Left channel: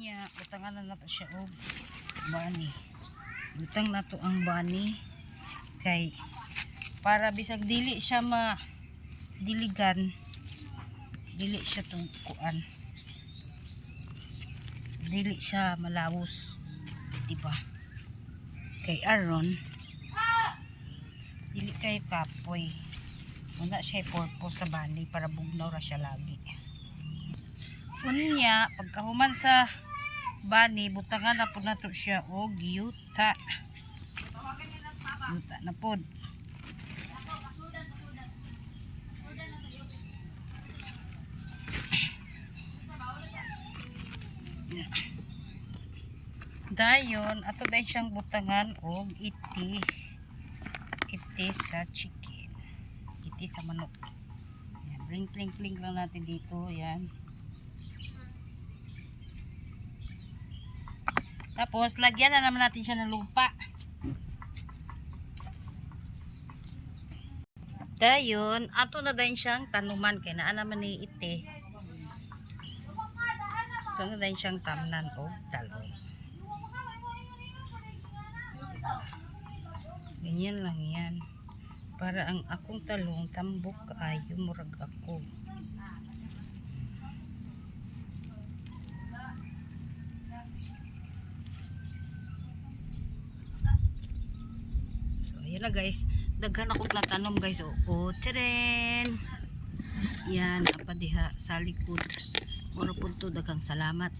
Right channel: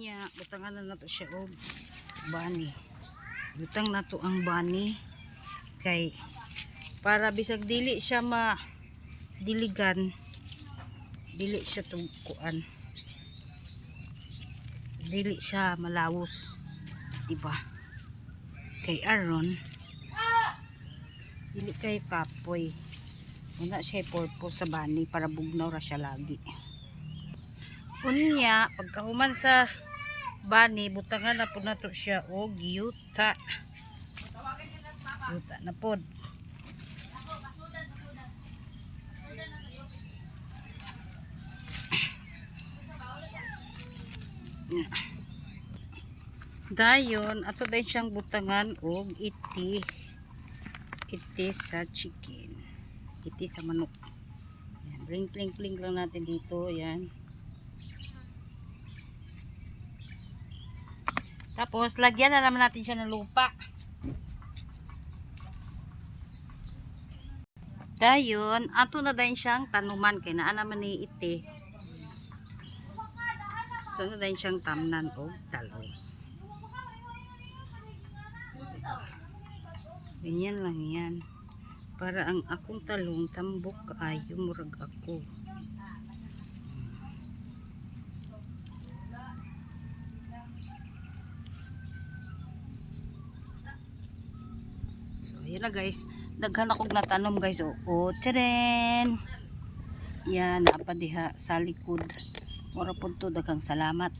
Unya, butangan na nato siya og bani. Butang nato ang bani kay para bisag dili siya diligan, dili siya tungkuan, dili siya malawos, diba? Kay aron dili kay kapoy, una siya purpose sa bani para bugnaw ra siya lagi. Unya, pagkahuman sa bani, butangan na po nato siya og yuta. Yuta na pod. Dayon, ato din siyang butangan og iti sa chicken. Iti sa manok. Ring lang natin dito, yan. Tapos, lagyan na naman natin siya ng lupa. Dayon, ato na din siyang tanuman. Kaya naa naman ni iti. Ato na din siyang tamnan o talong. Ganyan lang yan. Para ang akong talong tambok kaayo murag ako. So, yun na guys. Daghan ako natanom guys. O, tcharan! Yan, napadiha sa likod. Mura po to, daghang salamat.